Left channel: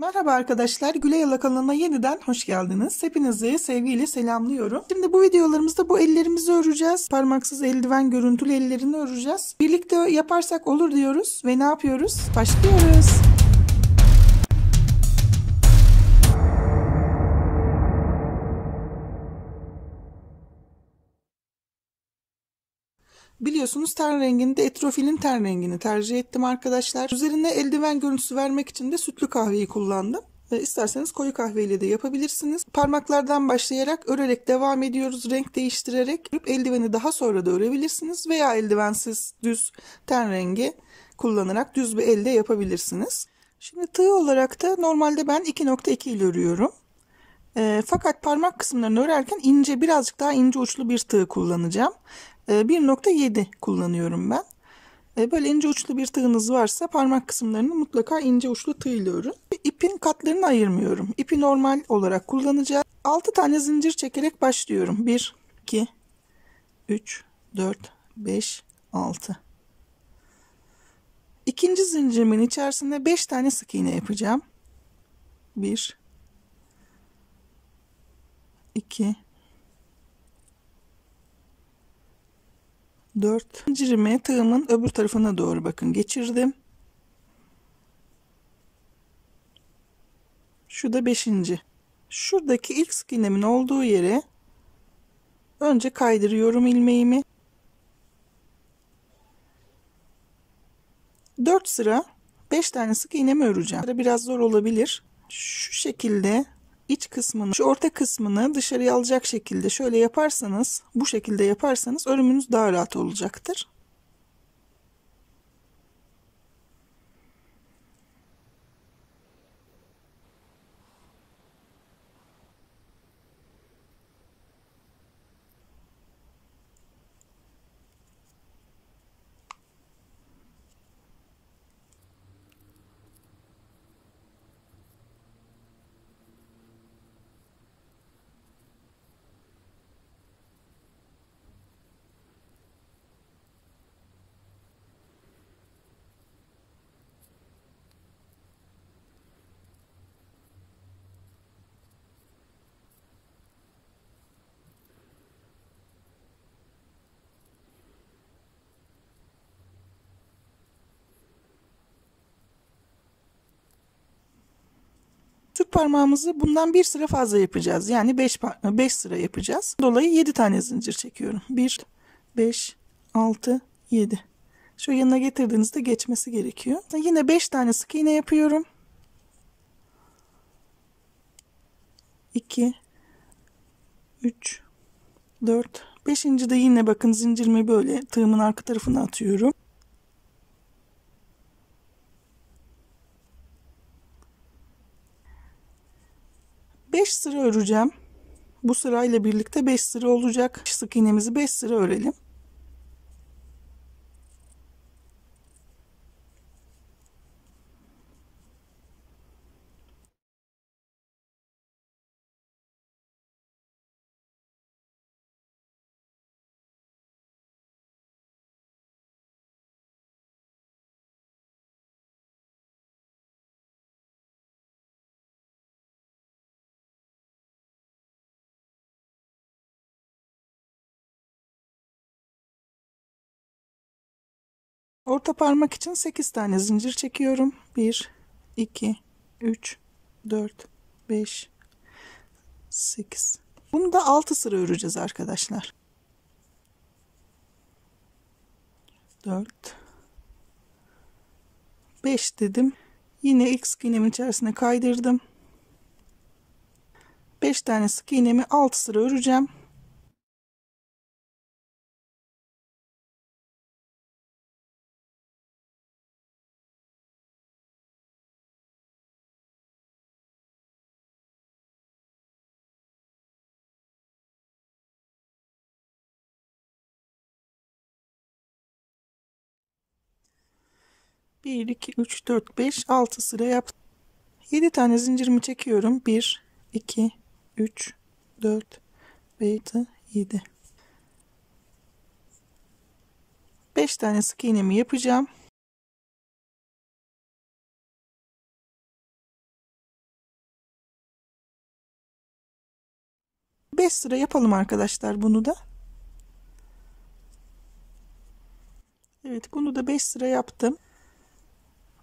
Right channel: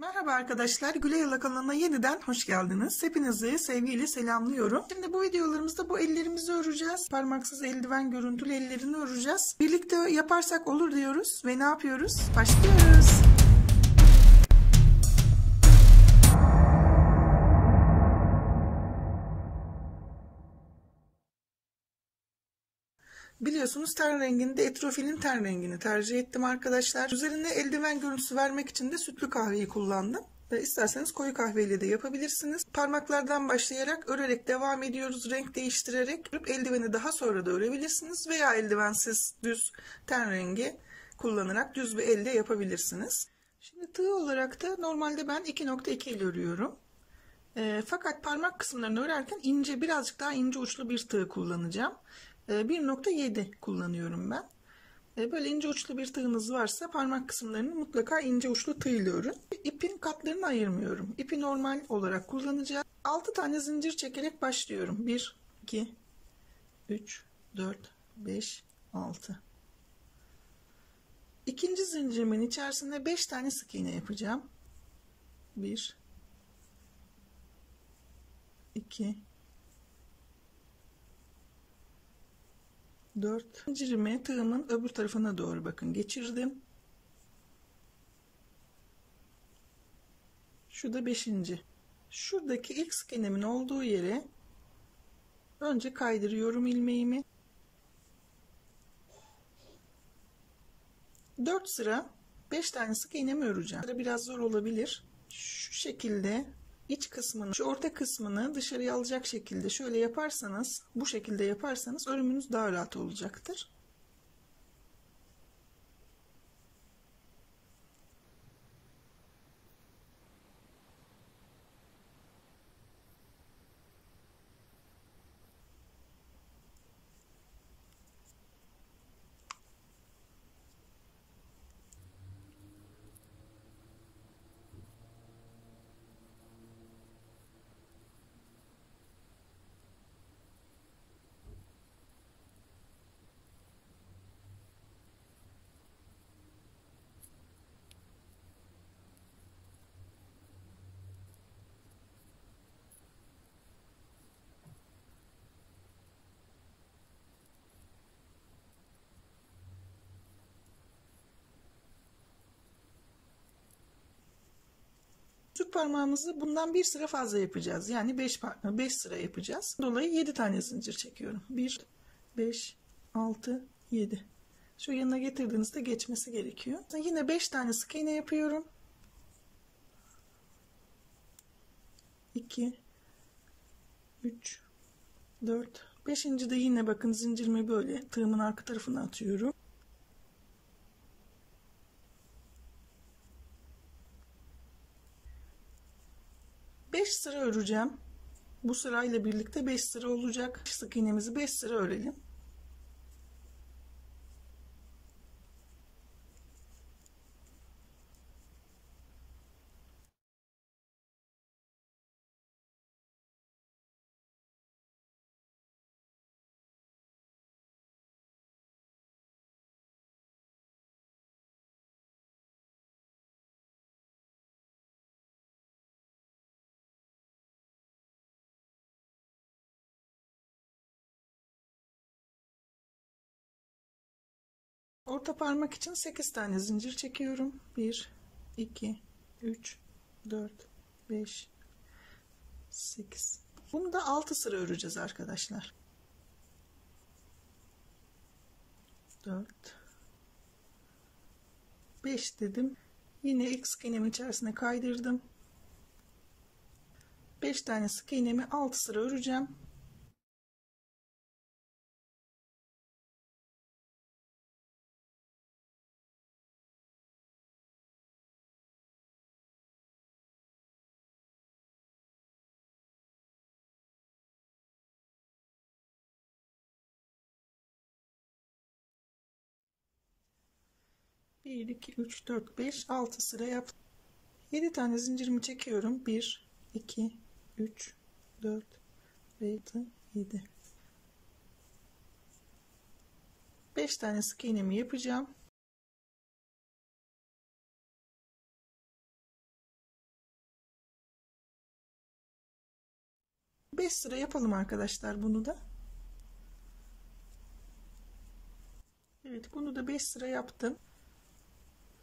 Merhaba arkadaşlar, Gülay Ala kanalına yeniden hoş geldiniz. Hepinizi sevgiyle selamlıyorum. Şimdi bu videolarımızda bu ellerimizi öreceğiz. Parmaksız eldiven görüntülü ellerini öreceğiz. Birlikte yaparsak olur diyoruz ve ne yapıyoruz? Başlıyoruz. Biliyorsunuz ten rengini de etrofilin ten rengini tercih ettim arkadaşlar. Üzerine eldiven görüntüsü vermek için de sütlü kahveyi kullandım. İsterseniz koyu kahveyle de yapabilirsiniz. Parmaklardan başlayarak örerek devam ediyoruz. Renk değiştirerek eldiveni daha sonra da örebilirsiniz. Veya eldivensiz düz ten rengi kullanarak düz bir elde yapabilirsiniz. Şimdi tığ olarak da normalde ben 2.2 ile örüyorum. Fakat parmak kısımlarını örerken birazcık daha ince uçlu bir tığ kullanacağım. 1.7 kullanıyorum ben. Böyle ince uçlu bir tığınız varsa parmak kısımlarını mutlaka ince uçlu tığ ile örün. İpin katlarını ayırmıyorum. İpi normal olarak kullanacağım. 6 tane zincir çekerek başlıyorum. 1, 2, 3, 4, 5, 6. İkinci zincirimin içerisinde 5 tane sık iğne yapacağım. 1, 2, 4. Zincirimi tığımın öbür tarafına doğru bakın geçirdim. Şu da 5. Şuradaki ilk sık iğnemin olduğu yere önce kaydırıyorum ilmeğimi. 4 sıra 5 tane sık iğnemi öreceğim. Biraz zor olabilir. Şu şekilde iç kısmını, şu orta kısmını dışarıya alacak şekilde şöyle yaparsanız, bu şekilde yaparsanız örümünüz daha rahat olacaktır. Tüp parmağımızı bundan bir sıra fazla yapacağız. Yani 5 sıra yapacağız. Dolayı 7 tane zincir çekiyorum. 1, 5, 6, 7. Şu yanına getirdiğinizde geçmesi gerekiyor. Yine 5 tane sık iğne yapıyorum. 2, 3, 4, 5. de yine bakın zincirimi böyle tığımın arka tarafına atıyorum. Beş sıra öreceğim. Bu sırayla birlikte 5 sıra olacak. Sık iğnemizi 5 sıra örelim. Orta parmak için 8 tane zincir çekiyorum. 1, 2, 3, 4, 5, 8. Bunu da 6 sıra öreceğiz arkadaşlar. 4, 5 dedim. Yine ilk sık iğnemin içerisine kaydırdım. 5 tane sık iğnemi 6 sıra öreceğim. Bir, iki, üç, dört, beş, 6 sıra yaptım. 7 tane zincirimi çekiyorum. 1, 2, 3, 4, 5, 7. 5 tane sık iğnemi yapacağım. 5 sıra yapalım arkadaşlar bunu da. Evet, bunu da 5 sıra yaptım.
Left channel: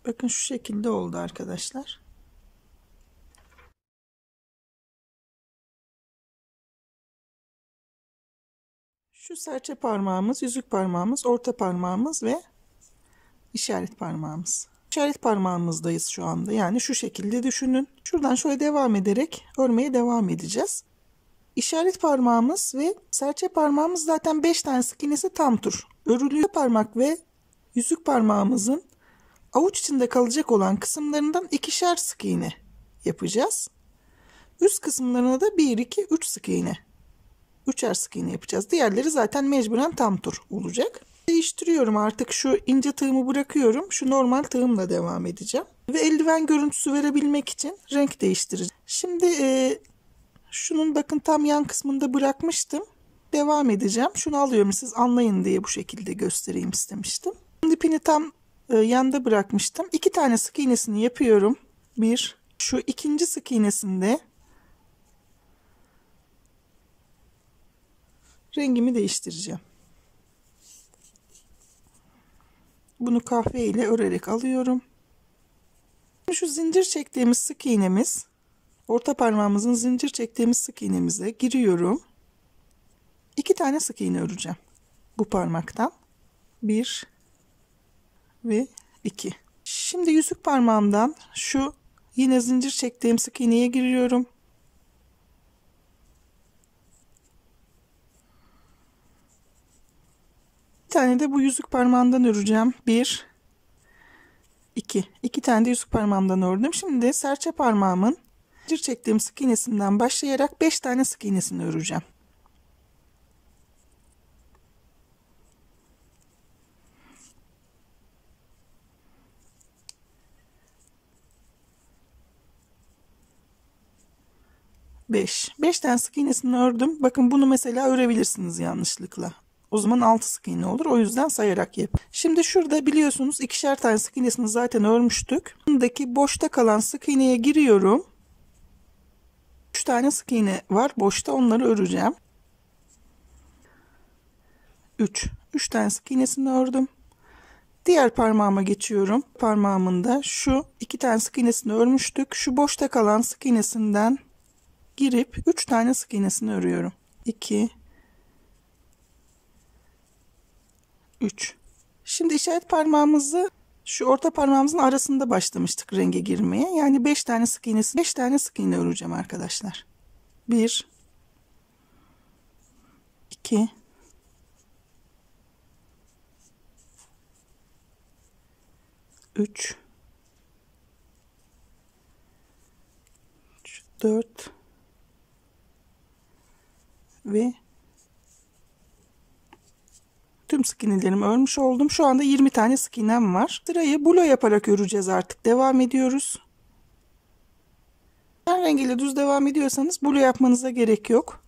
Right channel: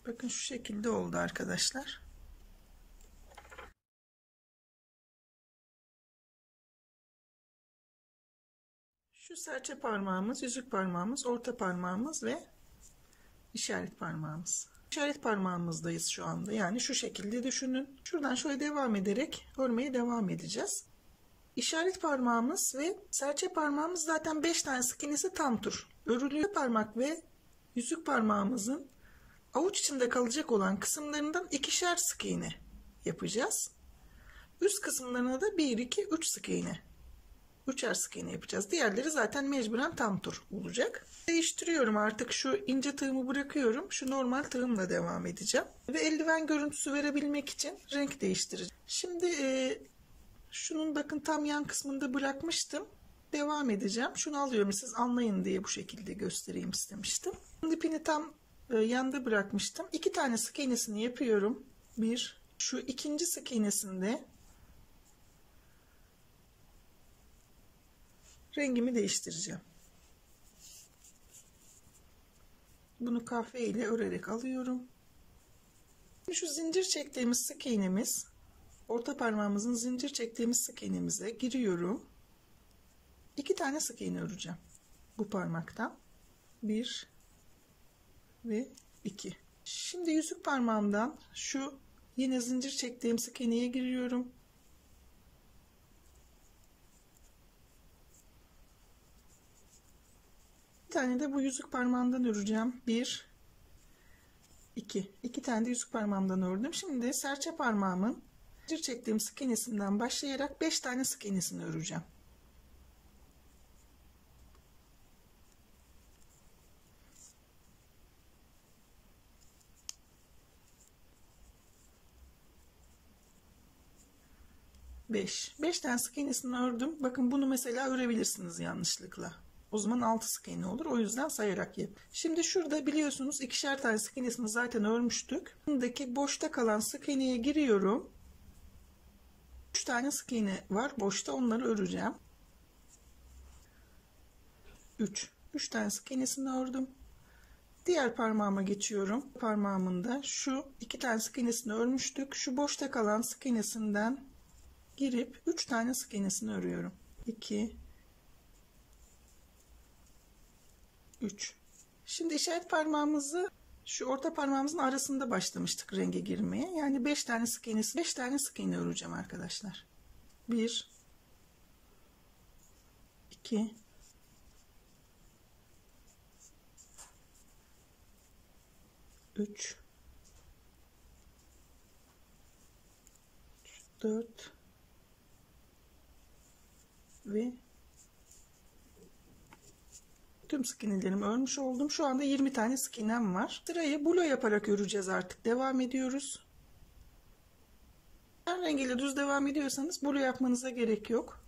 Bakın şu şekilde oldu arkadaşlar. Şu serçe parmağımız, yüzük parmağımız, orta parmağımız ve işaret parmağımız. İşaret parmağımızdayız şu anda. Yani şu şekilde düşünün. Şuradan şöyle devam ederek örmeye devam edeceğiz. İşaret parmağımız ve serçe parmağımız zaten 5 tane sık iğnesi tam tur. Örülü parmak ve yüzük parmağımızın avuç içinde kalacak olan kısımlarından ikişer sık iğne yapacağız. Üst kısımlarına da 1, 2, 3 sık iğne. Üçer sık iğne yapacağız. Diğerleri zaten mecburen tam tur olacak. Değiştiriyorum artık, şu ince tığımı bırakıyorum. Şu normal tığımla devam edeceğim. Ve eldiven görüntüsü verebilmek için renk değiştireceğim. Şimdi şunun bakın tam yan kısmında bırakmıştım. Devam edeceğim. Şunu alıyorum siz anlayın diye bu şekilde göstereyim istemiştim. Şimdi ipini tam yanda bırakmıştım. 2 tane sık iğnesini yapıyorum. Bir, şu ikinci sık iğnesinde rengimi değiştireceğim. Bunu kahve ile örerek alıyorum. Şu zincir çektiğimiz sık iğnemiz, orta parmağımızın zincir çektiğimiz sık iğnemize giriyorum. 2 tane sık iğne öreceğim. Bu parmaktan 1 ve 2. Şimdi yüzük parmağımdan şu yine zincir çektiğim sık iğneye giriyorum. Bir tane de bu yüzük parmağından öreceğim. 1 2. 2 tane de yüzük parmağımdan ördüm. Şimdi serçe parmağımın zincir çektiğim sık iğnesinden başlayarak 5 tane sık iğnesini öreceğim. Beş tane sık iğnesini ördüm. Bakın bunu mesela örebilirsiniz yanlışlıkla. O zaman 6 sık iğne olur. O yüzden sayarak yap. Şimdi şurada biliyorsunuz ikişer tane sık iğnesini zaten örmüştük. Bundaki boşta kalan sık iğneye giriyorum. 3 tane sık iğne var boşta, onları öreceğim. 3 tane sık iğnesini ördüm. Diğer parmağıma geçiyorum. Parmağımın da şu 2 tane sık iğnesini örmüştük. Şu boşta kalan sık iğnesinden girip 3 tane sık iğnesini örüyorum. 2 3. Şimdi işaret parmağımızı şu orta parmağımızın arasında başlamıştık renge girmeye. Yani 5 tane sık iğnesi, 5 tane sık iğne öreceğim arkadaşlar. 1 2 3 4 ve tüm sık iğnelerimi örmüş oldum. Şu anda 20 tane sık iğnem var. Sırayı bulo yaparak öreceğiz artık. Devam ediyoruz. Ten rengiyle düz devam ediyorsanız bulo yapmanıza gerek yok.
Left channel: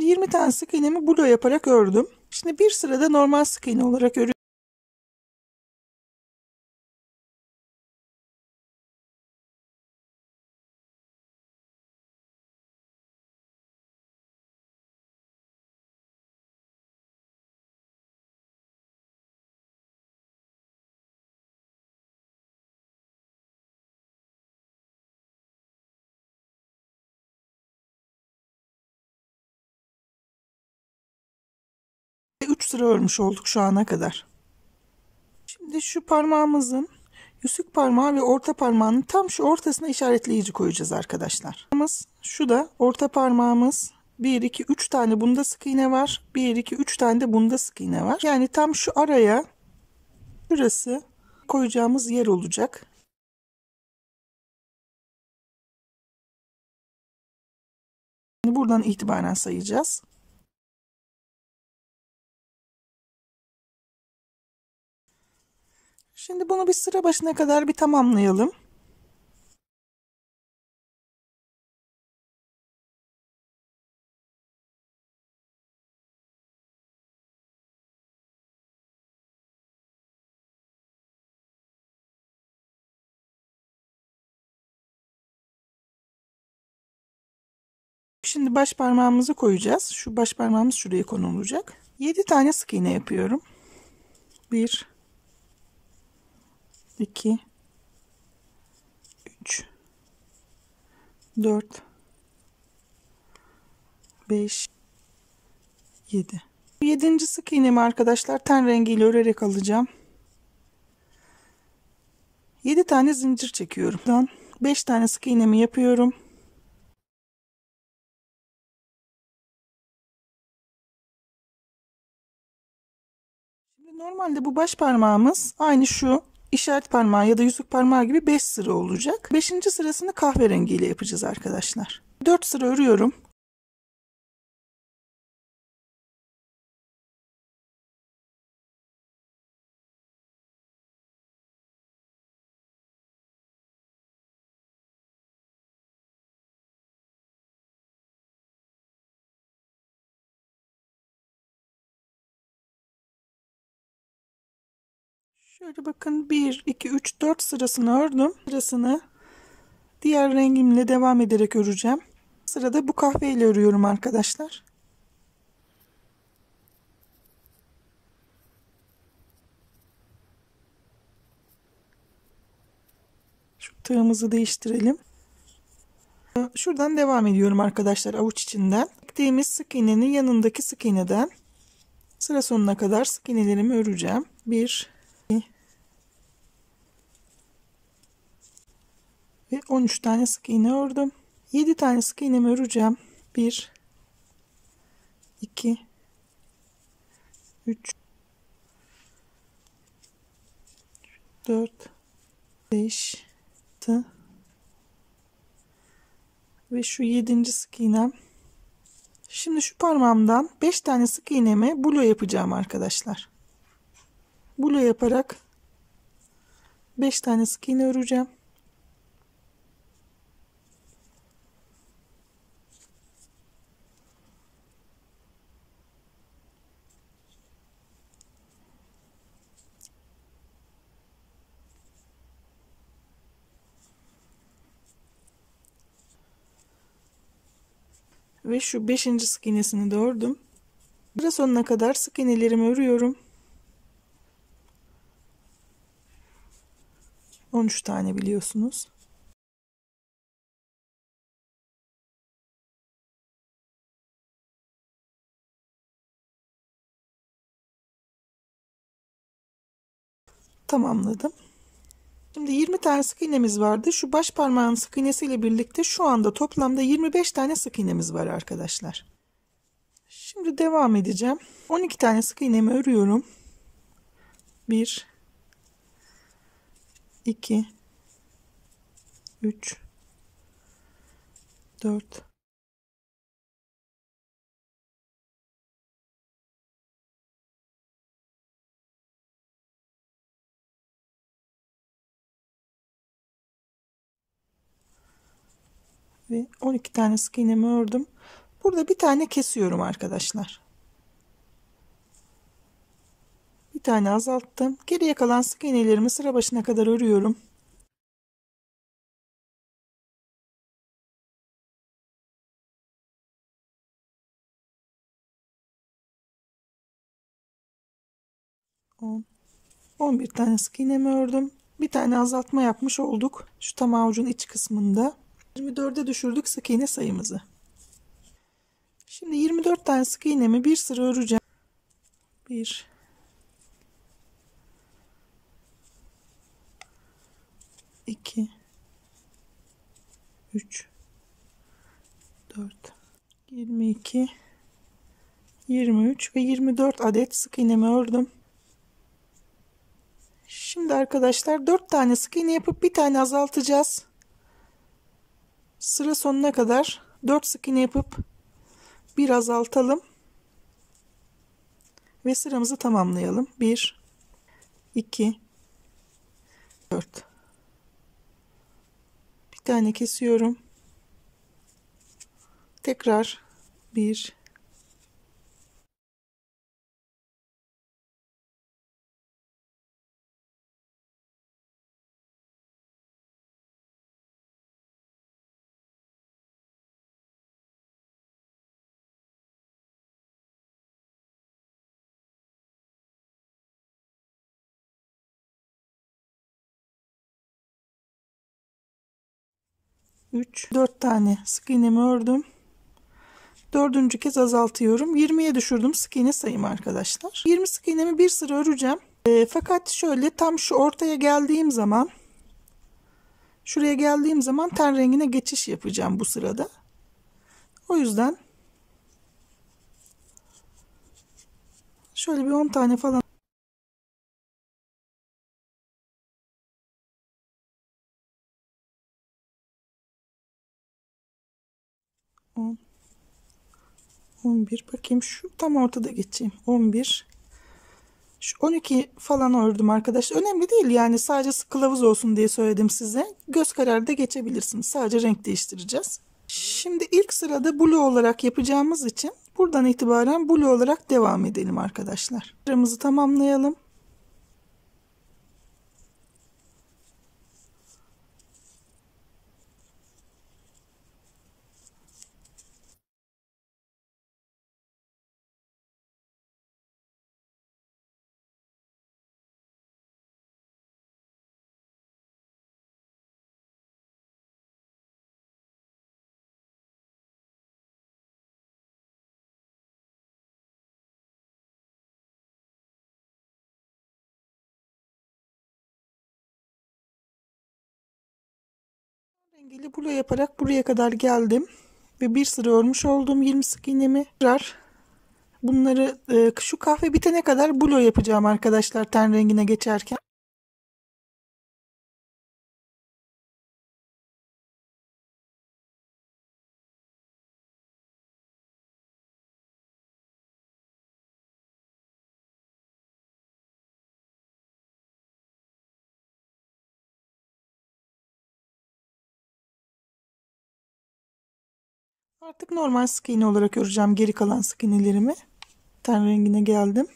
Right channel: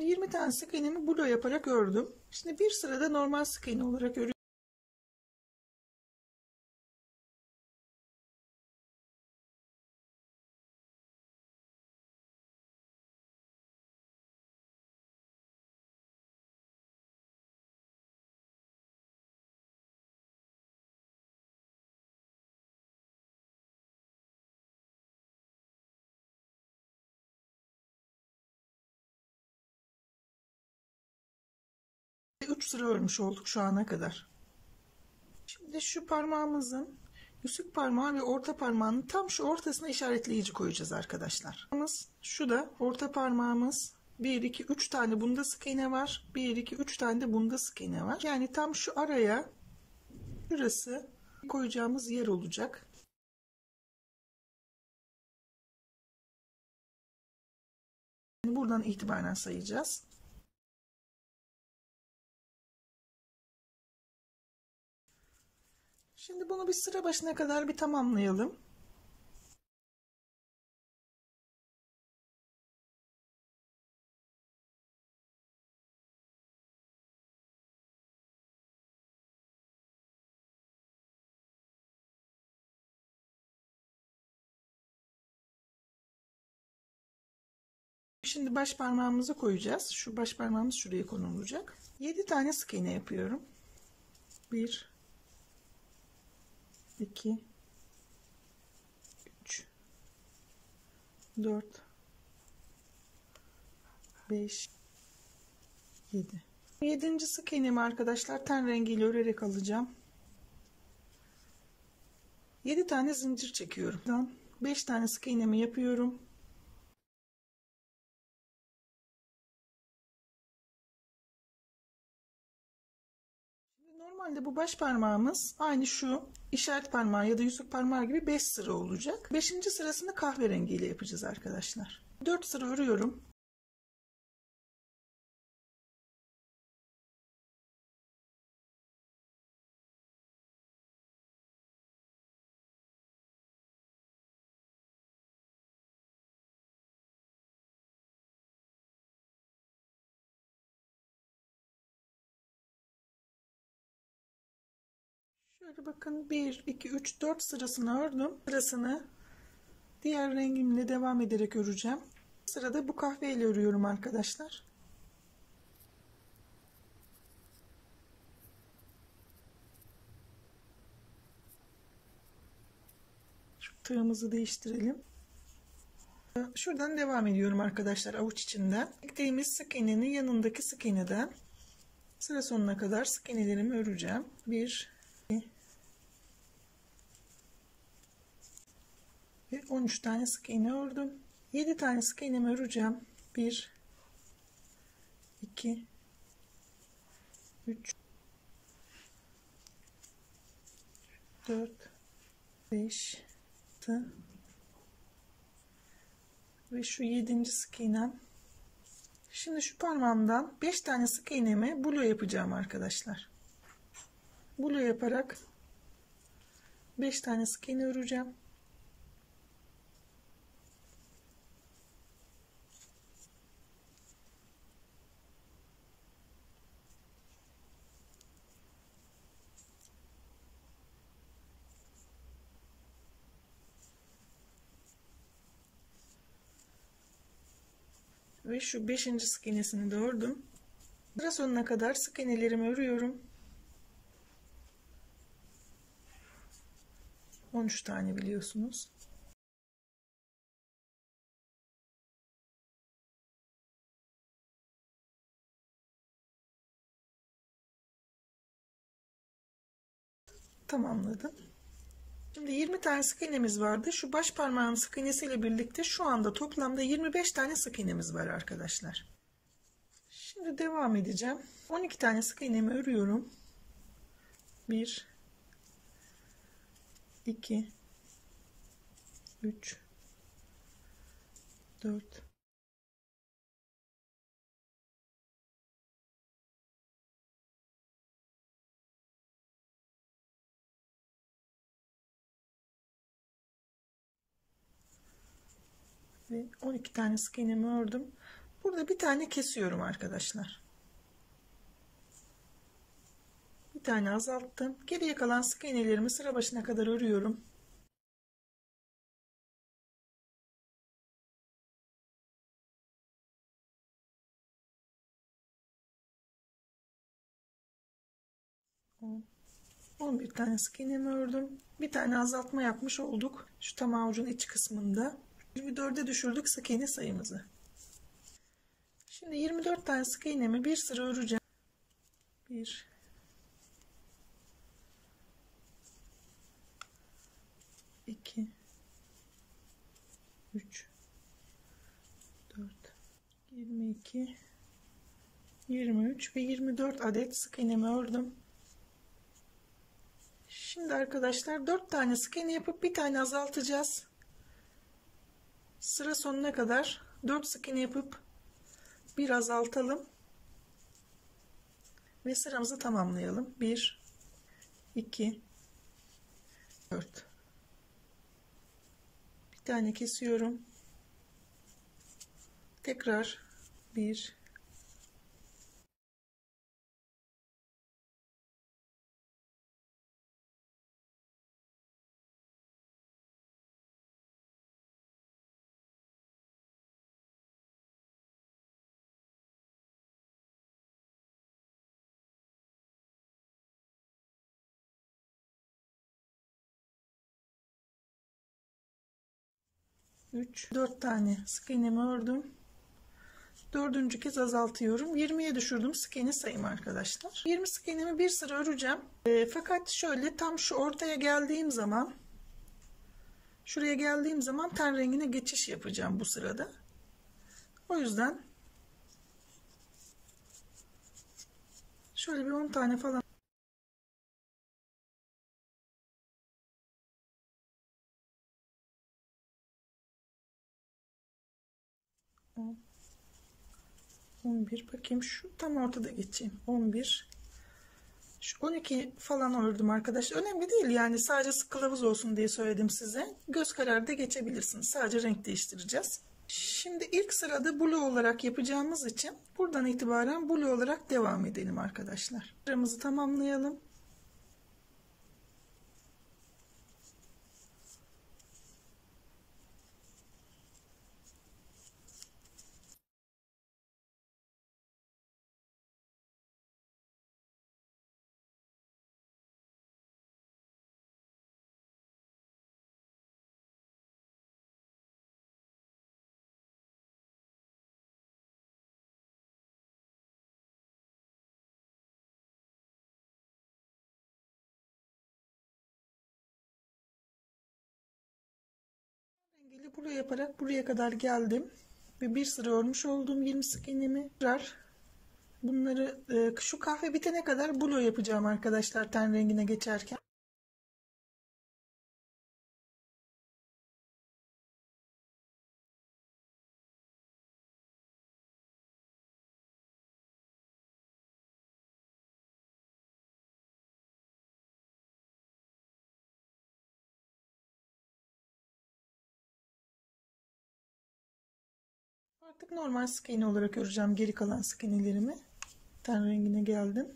...20 tane sık iğnemi bulo yaparak ördüm. Şimdi bir sırada normal sık iğne olarak örüyorum. Ve 3 sıra örmüş olduk şu ana kadar. Şimdi şu parmağımızın yüzük parmağı ve orta parmağının tam şu ortasına işaretleyici koyacağız arkadaşlar. Şu da orta parmağımız. 1 2 3 tane bunda sık iğne var. 1 2 3 tane de bunda sık iğne var. Yani tam şu araya, şurası koyacağımız yer olacak. Buradan itibaren sayacağız. Şimdi bunu bir sıra başına kadar bir tamamlayalım. Şimdi baş parmağımızı koyacağız. Şu baş parmağımız şuraya konulacak. 7 tane sık iğne yapıyorum. 1 2 3 4 5 7. 7. sık iğnemi arkadaşlar ten rengiyle örerek alacağım. 7 tane zincir çekiyorum. 5 tane sık iğnemi yapıyorum. Şimdi normalde bu baş parmağımız aynı şu işaret parmağı ya da yüzük parmağı gibi 5 sıra olacak. 5. sırasını kahverengiyle yapacağız arkadaşlar. 4 sıra örüyorum. Şöyle bakın 1 2 3 4 sırasını ördüm. Sırasını diğer rengimle devam ederek öreceğim. Sırada bu kahveyle örüyorum arkadaşlar. Şu tığımızı değiştirelim. Şuradan devam ediyorum arkadaşlar, avuç içinden. Çektiğimiz sık iğnenin yanındaki sık iğneden sıra sonuna kadar sık iğnelerimi öreceğim. 1 2 ve 13 tane sık iğne ördüm. 7 tane sık iğnemi öreceğim. 1 2 3 4 5 6 ve şu 7. sık iğnem. Şimdi şu parmağımdan 5 tane sık iğnemi bulo yapacağım arkadaşlar. Bulo yaparak 5 tane sık iğne öreceğim. Ve şu 5. sık iğnesini de ördüm. Sıra sonuna kadar sık iğnelerimi örüyorum. 13 tane biliyorsunuz. Tamamladım. Şimdi 20 tane sık iğnemiz vardı. Şu baş parmağın sık iğnesiyle birlikte şu anda toplamda 25 tane sık iğnemiz var arkadaşlar. Şimdi devam edeceğim. 12 tane sık iğnemi örüyorum. 1 2 3 4 ve 12 tane sık iğnemi ördüm. Burada bir tane kesiyorum arkadaşlar. Bir tane azalttım. Geriye kalan sık iğnelerimi sıra başına kadar örüyorum. On, 11 tane sık iğnemi ördüm. Bir tane azaltma yapmış olduk. Şu tam avucun iç kısmında. 24'e düşürdük sık iğne sayımızı. Şimdi 24 tane sık iğnemi bir sıra öreceğim. 1 2 3 4 22 23 ve 24 adet sık iğnemi ördüm. Şimdi arkadaşlar 4 tane sık iğne yapıp bir tane azaltacağız. Sıra sonuna kadar 4 sık iğne yapıp bir azaltalım ve sıramızı tamamlayalım. 1 2 4. Bir tane kesiyorum. Tekrar 1 3, 4 tane sık iğnemi ördüm. Dördüncü kez azaltıyorum. 20'ye düşürdüm sık iğne sayımı arkadaşlar. 20 sık iğnemi bir sıra öreceğim. Fakat şöyle tam şu ortaya geldiğim zaman, şuraya geldiğim zaman ten rengine geçiş yapacağım bu sırada. O yüzden şöyle bir 10 tane falan 10, 11 bakayım şu tam ortada geçeyim. 11, şu 12 falan ördüm arkadaşlar. Önemli değil yani, sadece kılavuz olsun diye söyledim size. Göz kararı da geçebilirsiniz. Sadece renk değiştireceğiz. Şimdi ilk sırada blue olarak yapacağımız için buradan itibaren blue olarak devam edelim arkadaşlar. Sıramızı tamamlayalım. Rengili blue yaparak buraya kadar geldim ve bir sıra örmüş oldum 20 sık iğnemi. Bunları şu kahve bitene kadar blue yapacağım arkadaşlar ten rengine geçerken. Artık normal sık iğne olarak öreceğim geri kalan sık iğnelerimi. Ten rengine geldim.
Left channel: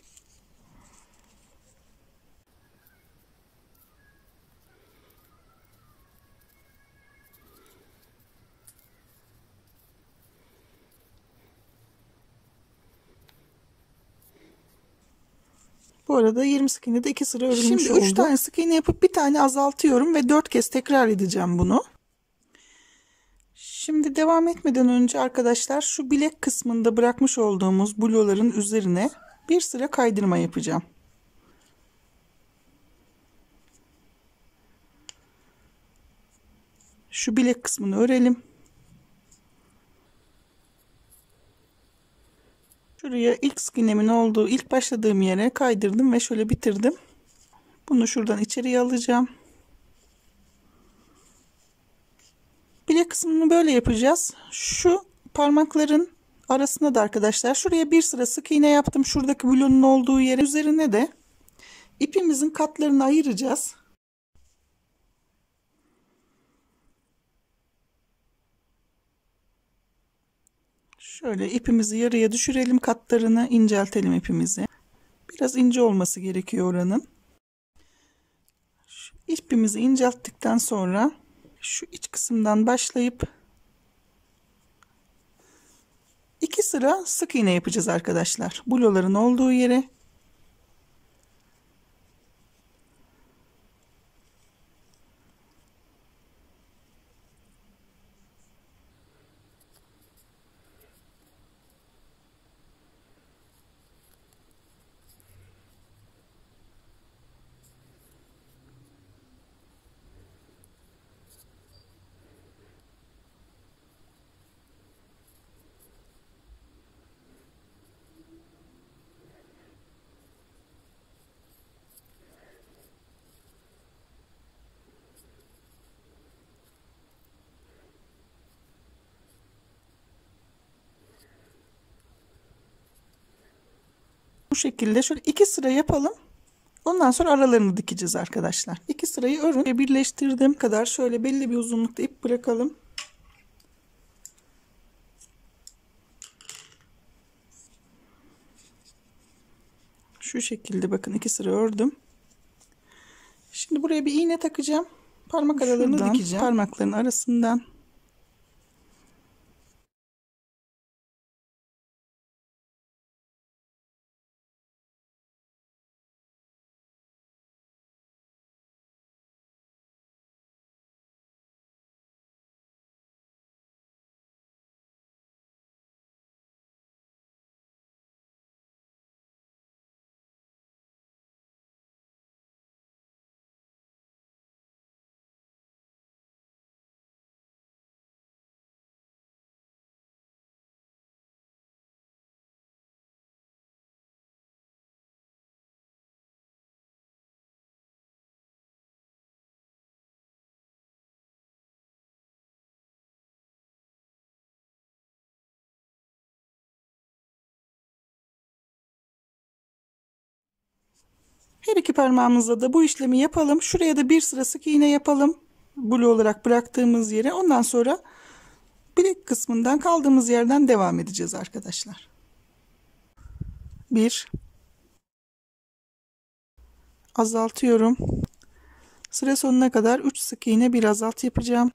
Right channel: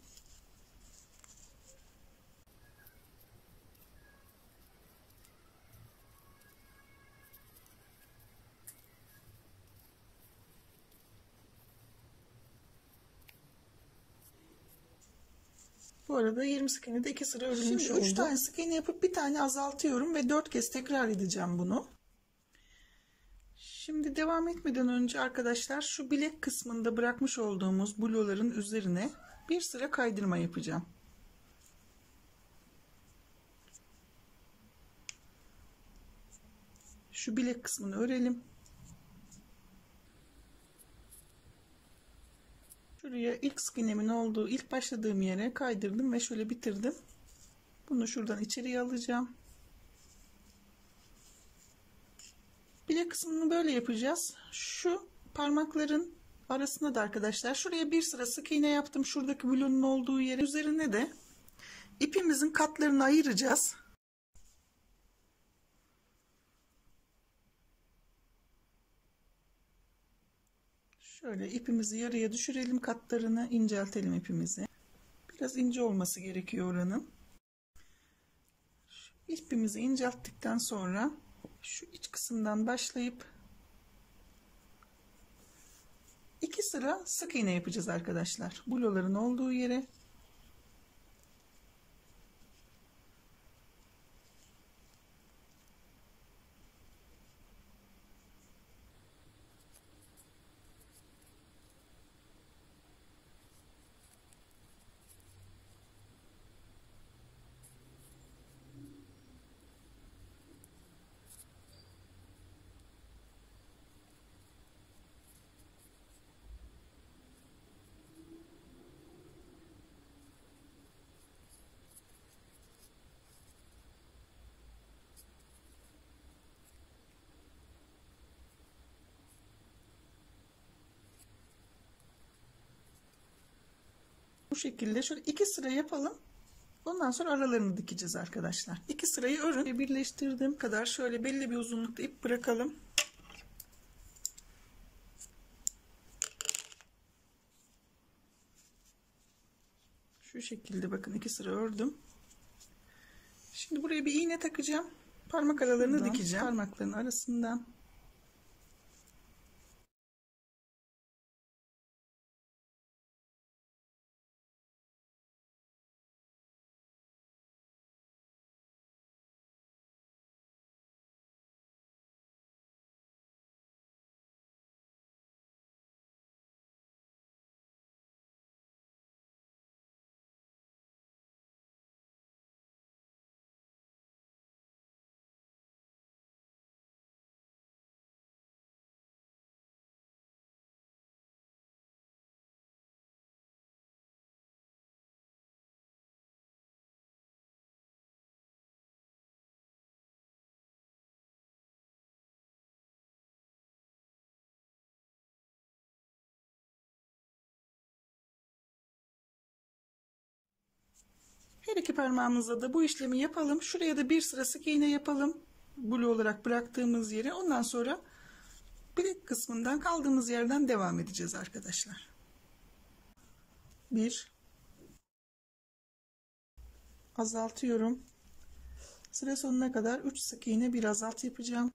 Bu arada 20 sık iğnede 2 sıra örülmüş oldu. Şimdi 3 tane sık iğne yapıp bir tane azaltıyorum ve 4 kez tekrar edeceğim bunu. Şimdi devam etmeden önce arkadaşlar şu bilek kısmında bırakmış olduğumuz blue'ların üzerine bir sıra kaydırma yapacağım. Şu bilek kısmını örelim. Şuraya ilk sık iğnemin olduğu, ilk başladığım yere kaydırdım ve şöyle bitirdim. Bunu şuradan içeriye alacağım. Bilek kısmını böyle yapacağız. Şu parmakların arasına da arkadaşlar şuraya bir sıra sık iğne yaptım. Şuradaki blue'nun olduğu yere, üzerine de ipimizin katlarını ayıracağız. Şöyle ipimizi yarıya düşürelim, katlarını inceltelim ipimizi. Biraz ince olması gerekiyor oranın. Şu ipimizi incelttikten sonra şu iç kısımdan başlayıp 2 sıra sık iğne yapacağız arkadaşlar. Blue'ların olduğu yere. Bu şekilde şöyle 2 sıra yapalım. Ondan sonra aralarını dikeceğiz arkadaşlar. 2 sırayı örün ve birleştirdiğim kadar şöyle belli bir uzunlukta ip bırakalım. Şu şekilde bakın 2 sıra ördüm. Şimdi buraya bir iğne takacağım. Parmak aralarını dikeceğim. Parmakların arasından Her iki parmağımızla da bu işlemi yapalım. Şuraya da bir sıra sık iğne yapalım. Blue olarak bıraktığımız yere. Ondan sonra bilek kısmından kaldığımız yerden devam edeceğiz arkadaşlar. 1, azaltıyorum. Sıra sonuna kadar 3 sık iğne, bir azalt yapacağım.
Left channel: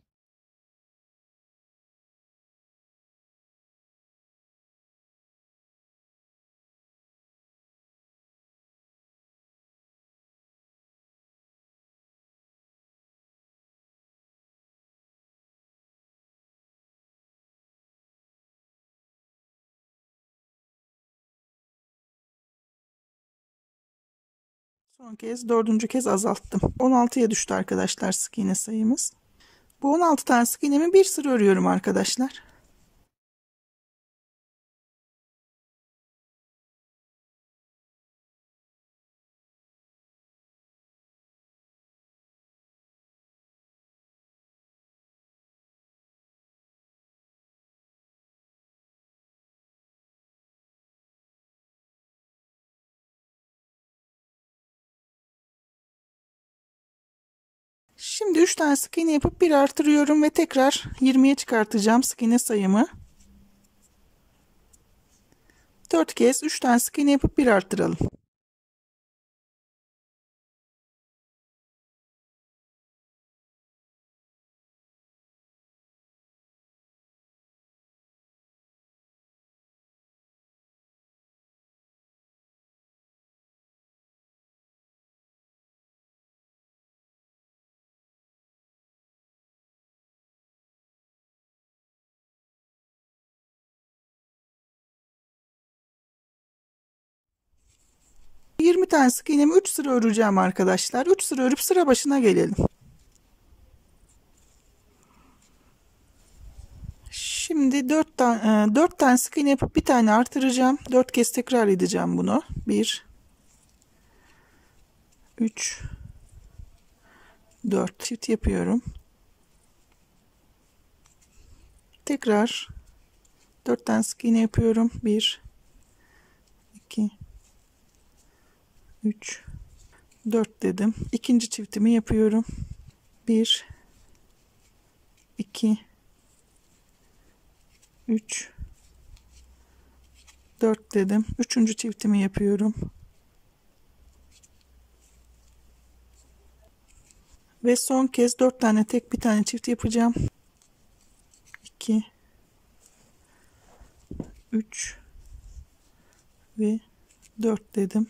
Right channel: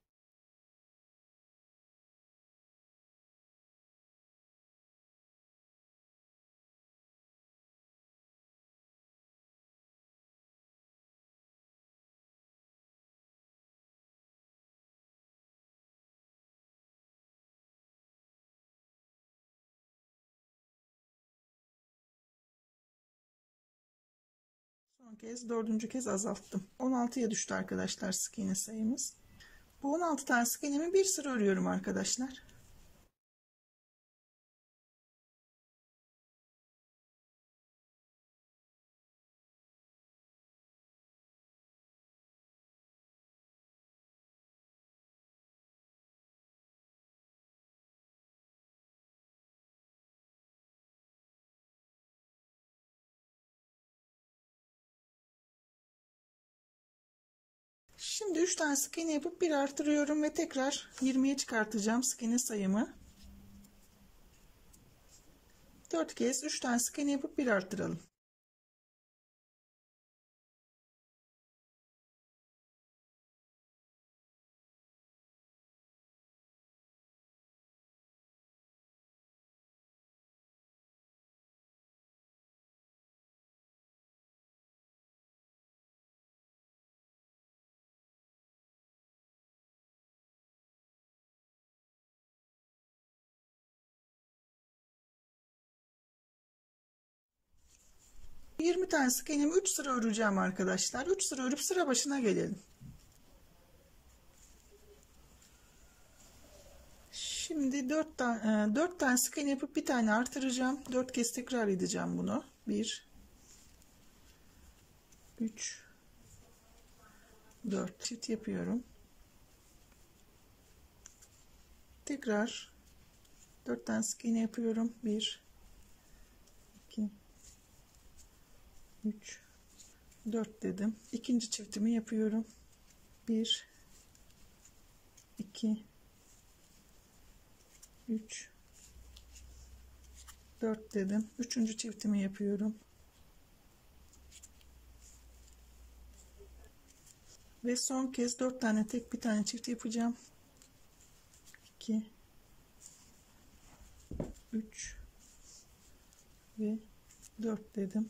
Son kez, dördüncü kez azalttım. 16'ya düştü arkadaşlar sık iğne sayımız. Bu 16 tane sık iğnemi bir sıra örüyorum arkadaşlar. Şimdi 3 tane sık iğne yapıp bir artırıyorum ve tekrar 20'ye çıkartacağım sık iğne sayımı. 4 kez 3 tane sık iğne yapıp bir artıralım. Bu 20 tane sık iğnemi 3 sıra öreceğim arkadaşlar. 3 sıra örüp sıra başına gelelim. Şimdi 4 tane sık iğne yapıp bir tane artıracağım. 4 kez tekrar edeceğim bunu. 1, 3, 4 çift yapıyorum. Tekrar 4 tane sık iğne yapıyorum. 1, 2, 3, 4 dedim. İkinci çiftimi yapıyorum. 1, 2, 3, 4 dedim. Üçüncü çiftimi yapıyorum. Ve son kez 4 tane tek, bir tane çift yapacağım. 2, 3 ve 4 dedim.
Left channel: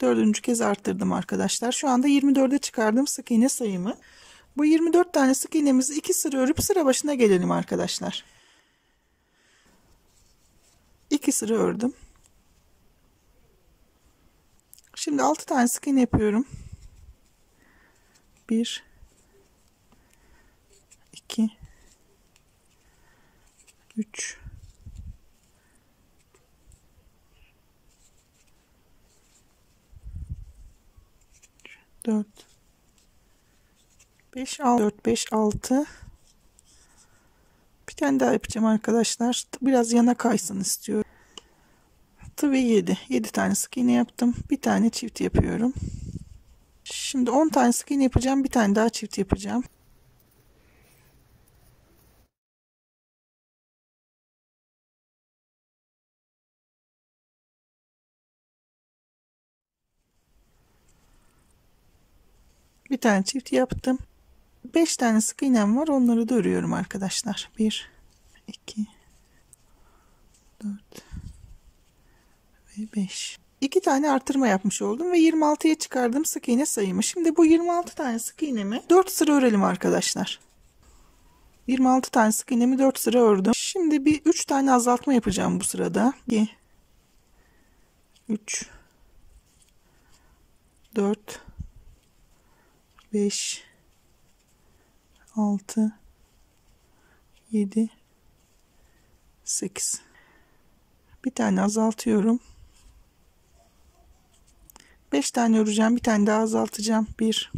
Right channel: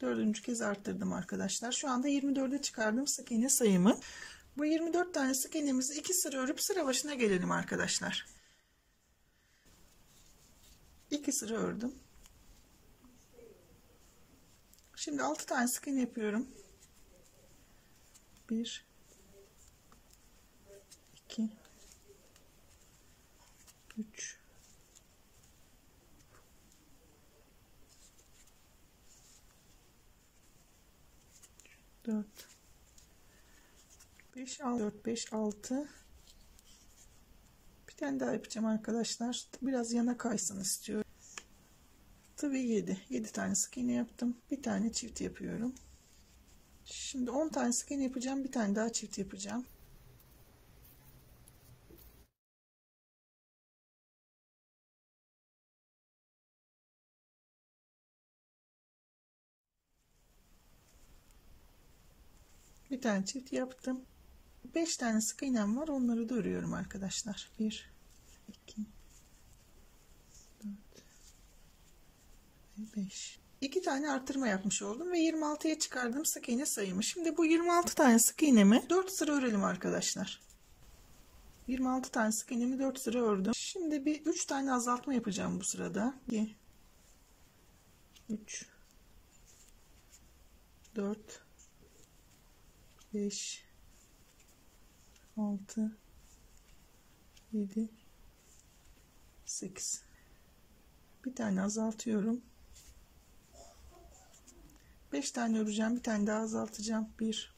Dördüncü kez arttırdım arkadaşlar. Şu anda 24'e çıkardım sık iğne sayımı. Bu 24 tane sık iğnemizi 2 sıra örüp sıra başına gelelim arkadaşlar. 2 sıra ördüm. Şimdi 6 tane sık iğne yapıyorum. 1, 2, 3, 4, 5, 6, 4, 5, 6. Bir tane daha yapacağım arkadaşlar. Biraz yana kaysın istiyorum. 6 ve 7. 7 tane sık iğne yaptım. Bir tane çift yapıyorum. Şimdi 10 tane sık iğne yapacağım. Bir tane daha çift yapacağım. Bir tane çift yaptım. 5 tane sık iğnem var. Onları da örüyorum arkadaşlar. 1, 2, 4 ve 5. 2 tane artırma yapmış oldum ve 26'ya çıkardım sık iğne sayımı. Şimdi bu 26 tane sık iğnemi 4 sıra örelim arkadaşlar. 26 tane sık iğnemi 4 sıra ördüm. Şimdi bir 3 tane azaltma yapacağım bu sırada. 2, 3, 4, 5, 6, 7, 8. Bir tane azaltıyorum. 5 tane öreceğim. Bir tane daha azaltacağım. 1,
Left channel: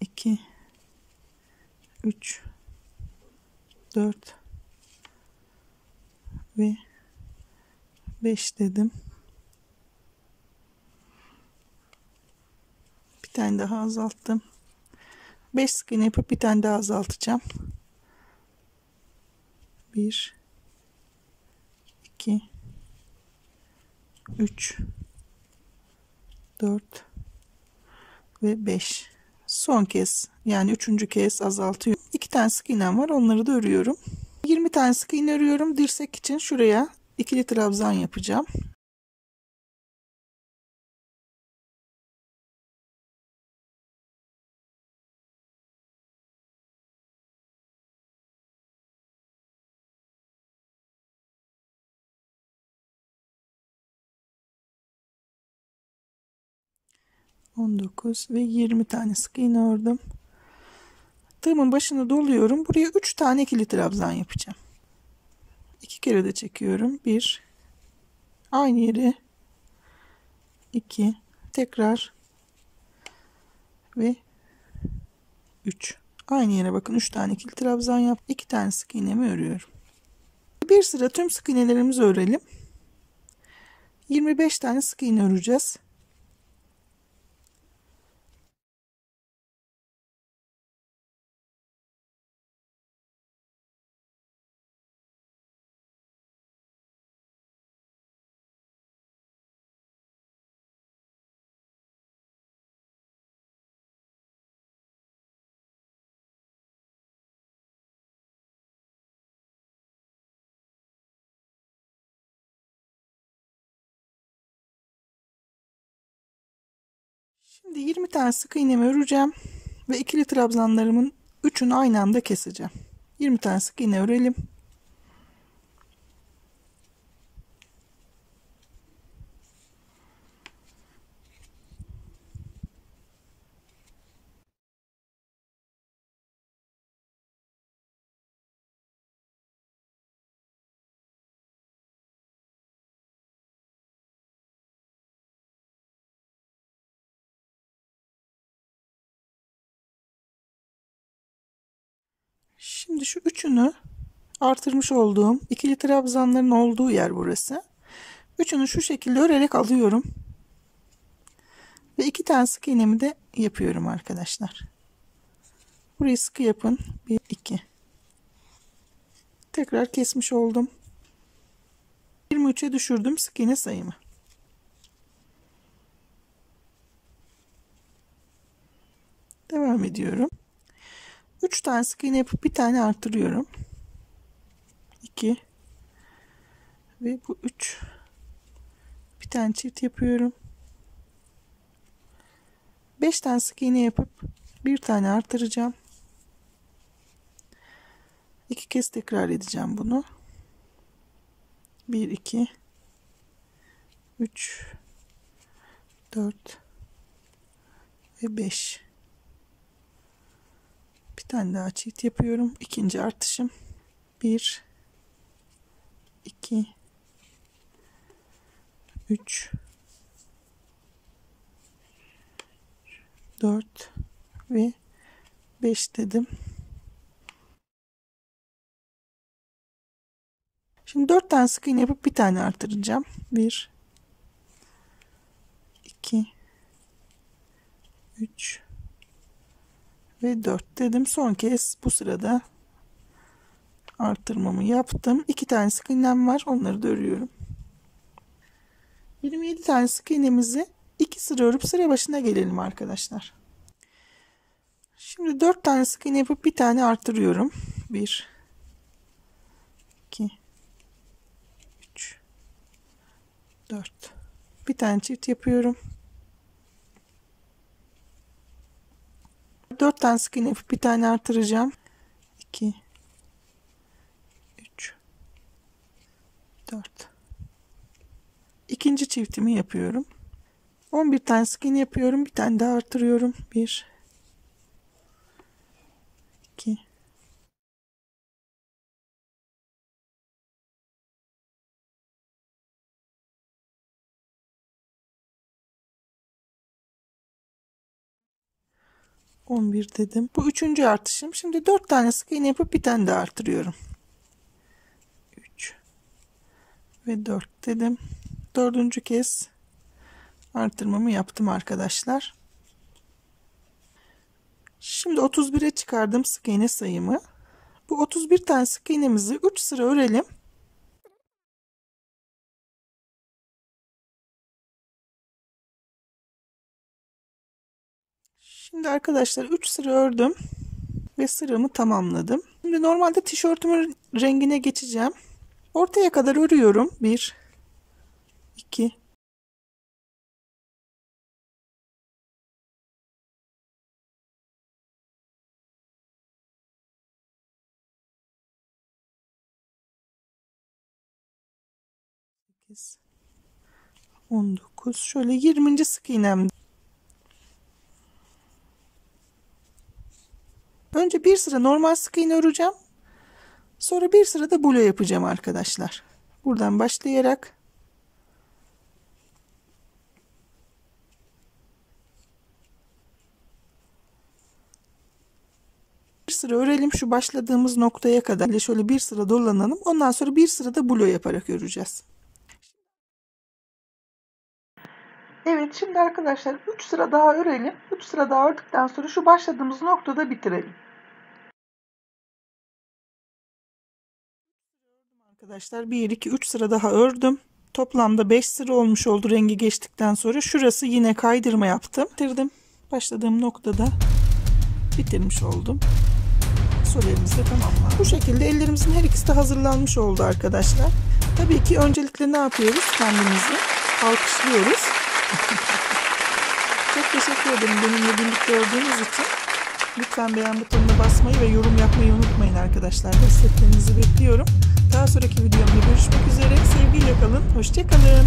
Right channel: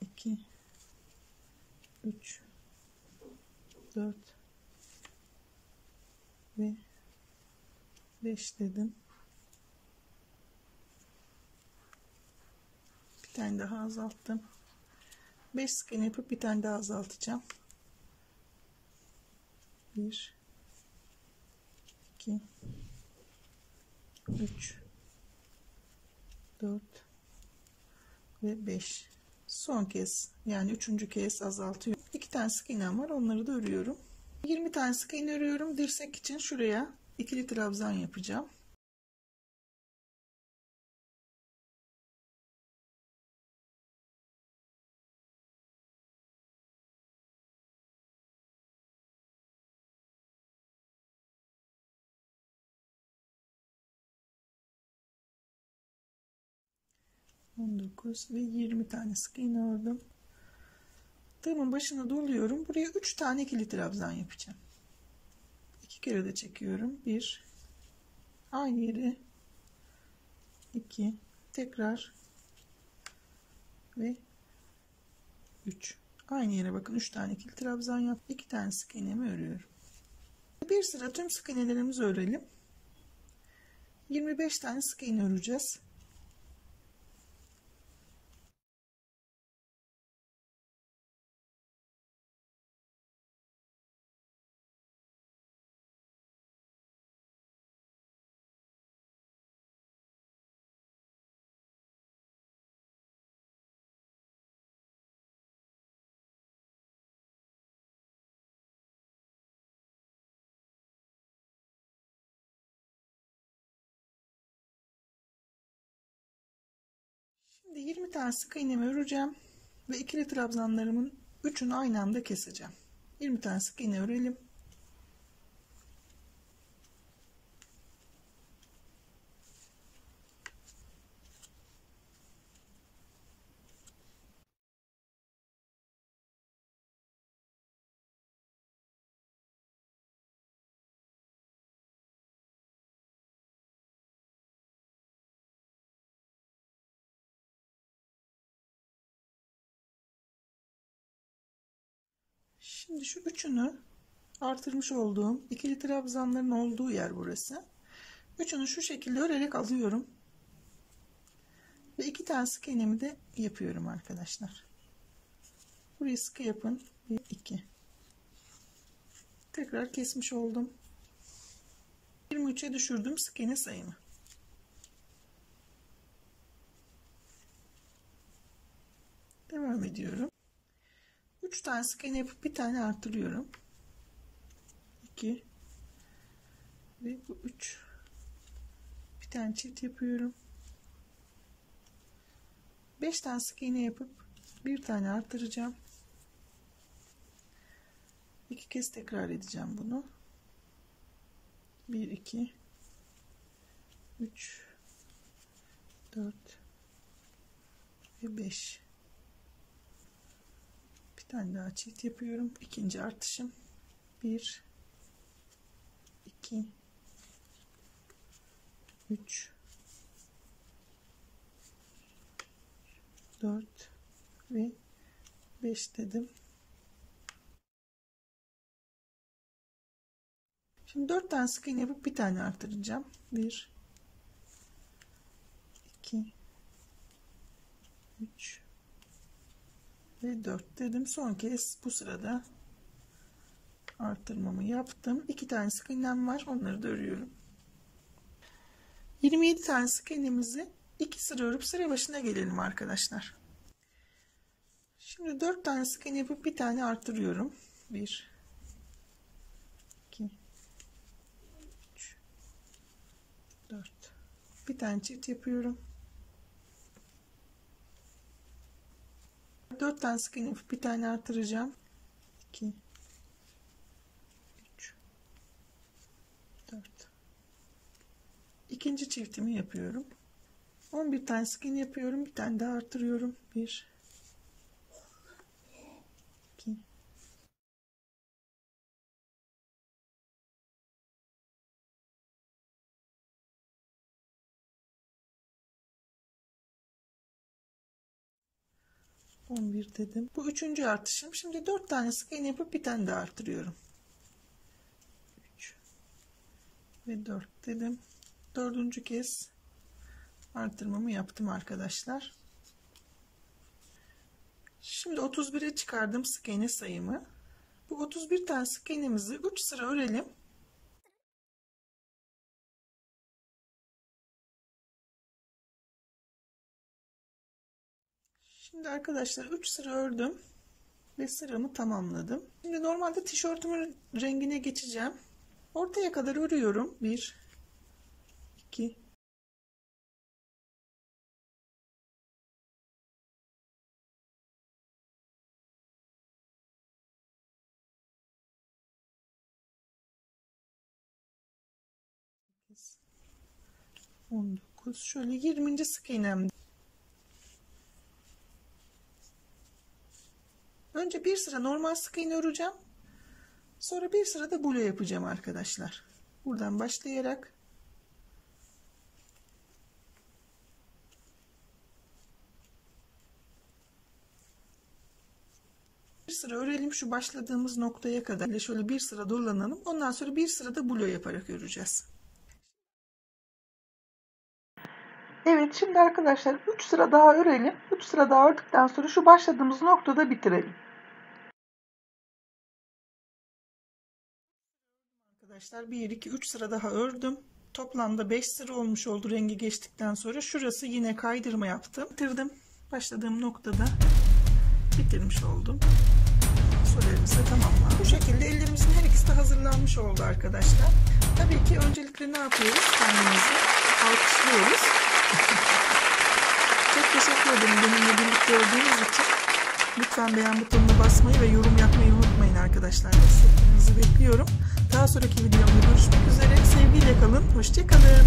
2, 3, 4 ve 5 dedim. tane daha azalttım. 5 sık iğne yapıp bir tane daha azaltacağım. 1 2 3 4 ve 5. Son kez, yani üçüncü kez azaltıyorum. 2 tane sık iğnem var, onları da örüyorum. 20 tane sık iğne örüyorum. Dirsek için şuraya ikili trabzan yapacağım. Ve 20 tane sık iğne ördüm. Tığımın başını doluyorum. Buraya 3 tane ikili trabzan yapacağım. 2 kere de çekiyorum. 1 aynı yere, 2 tekrar ve 3 aynı yere. Bakın 3 tane ikili trabzan yap. 2 tane sık iğnemi örüyorum. Bir sıra tüm sık iğnelerimizi örelim. 25 tane sık iğne öreceğiz. Şimdi 20 tane sık iğnemi öreceğim ve ikili trabzanlarımın 3'ünü aynı anda keseceğim. 20 tane sık iğne örelim. Şimdi şu üçünü, artırmış olduğum ikili trabzanların olduğu yer burası. Üçünü şu şekilde örerek alıyorum. Ve 2 tane sık iğnemi de yapıyorum arkadaşlar. Burayı sıkı yapın. 1 2. Tekrar kesmiş oldum. 23'e düşürdüm sık iğne sayımı. Devam ediyorum. 3 tane sık iğne yapıp bir tane artırıyorum. 2 ve bu 3. Bir tane çift yapıyorum. 5 tane sık iğne yapıp bir tane artıracağım. 2 kez tekrar edeceğim bunu. 1 2 3 4 ve 5. Bir tane daha çift yapıyorum. İkinci artışım. 1 2 3 4 ve 5 dedim. Şimdi 4 tane sık iğne yapıp bir tane artıracağım. 1 2 3 ve 4 dedim. Son kez bu sırada artırmamı yaptım. 2 tane sık iğnem var. Onları da örüyorum. 27 tane sık iğnemizi 2 sıra örüp sıra başına gelelim arkadaşlar. Şimdi 4 tane sık iğne yapıp bir tane artırıyorum. 1 2 3 4. Bir tane çift yapıyorum. 4 tane sık iğne yapıp bir tane artıracağım. 2 3 4. İkinci çiftimi yapıyorum. 11 tane sık iğne yapıyorum. Bir tane daha artırıyorum. 1 2 11 dedim. Bu üçüncü artışım. Şimdi 4 tane sık iğne yapıp bir tane daha artırıyorum. 3 ve 4 dedim. Dördüncü kez artırmamı yaptım arkadaşlar. Şimdi 31'e çıkardım sık iğne sayımı. Bu 31 tane sık iğnemizi 3 sıra örelim. Şimdi arkadaşlar 3 sıra ördüm ve sıramı tamamladım. Şimdi normalde tişörtümün rengine geçeceğim. Ortaya kadar örüyorum. 1 2 8 19 şöyle 20. sık iğnem. Önce bir sıra normal sık iğne öreceğim. Sonra bir sıra da bulo yapacağım arkadaşlar. Buradan başlayarak bir sıra örelim şu başladığımız noktaya kadar. Şöyle bir sıra dolanalım. Ondan sonra bir sıra da bulo yaparak öreceğiz. Evet, şimdi arkadaşlar 3 sıra daha örelim. 3 sıra daha ördükten sonra şu başladığımız noktada bitirelim. Arkadaşlar 1 2 3 sıra daha ördüm. Toplamda 5 sıra olmuş oldu rengi geçtikten sonra. Şurası yine kaydırma yaptım. Bitirdim. Başladığım noktada bitirmiş oldum. Sollerimiz de tamamlandı. Bu şekilde ellerimizin her ikisi de hazırlanmış oldu arkadaşlar. Tabii ki öncelikle ne yapıyoruz? Kendimizi alkışlıyoruz. Çok teşekkür ederim benimle birlikte olduğunuz için. Lütfen beğen butonuna basmayı ve yorum yapmayı unutmayın arkadaşlar. Desteklerinizi bekliyorum. Daha sonraki videomda görüşmek üzere. Sevgiyle kalın. Hoşça kalın.